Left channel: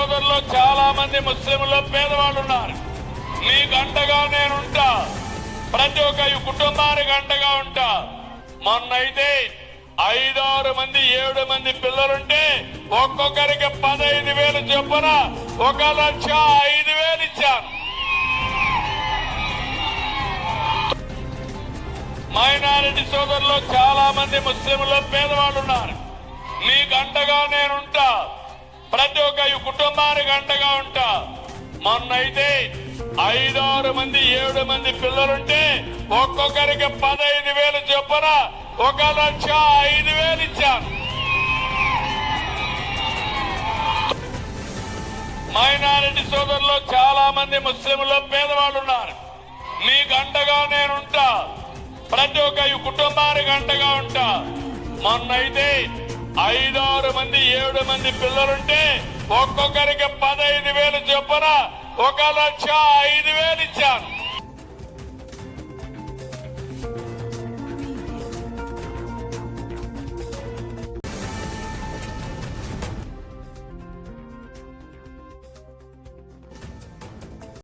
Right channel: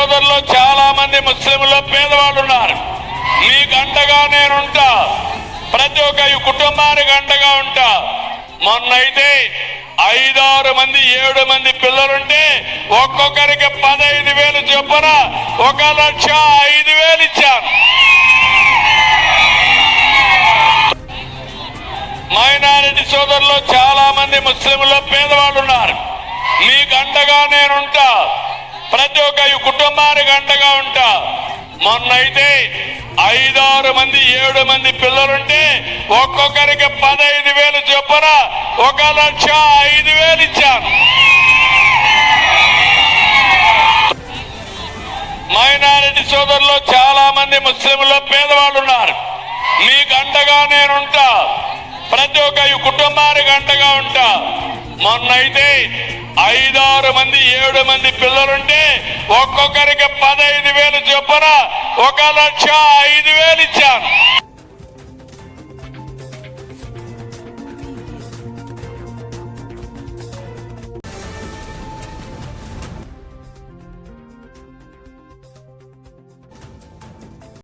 సోదరులు చాలా మంది ముస్లింలు పేదవాళ్ళు ఉన్నారు. మీకు అండగా నేనుంటా. ప్రతి ఒక్క కుటుంబానికి అండగా ఉంటా. మొన్నైతే 5-6 మంది 7 మంది పిల్లలుంటే ఒక్కొక్కరికి 15,000 చొప్పున 1,05,000 ఇచ్చాను. మైనారిటీ సోదరులు చాలా మంది ముస్లింలు పేదవాళ్ళు ఉన్నారు. మీకు అండగా నేనుంటా. ప్రతి ఒక్క కుటుంబానికి అండగా ఉంటా. మొన్నైతే 5-6 మంది 7 మంది పిల్లలుంటే ఒక్కొక్కరికి 15,000 చొప్పున 1,05,000 ఇచ్చాను. మైనారిటీ సోదరులు చాలా మంది ముస్లింలు పేదవాళ్ళు ఉన్నారు. మీకు అండగా నేనుంటా. ప్రతి ఒక్క కుటుంబానికి అండగా ఉంటా. మొన్నైతే 5-6 మంది 7 మంది పిల్లలుంటే ఒక్కొక్కరికి 15,000 చొప్పున 1,05,000 ఇచ్చాను.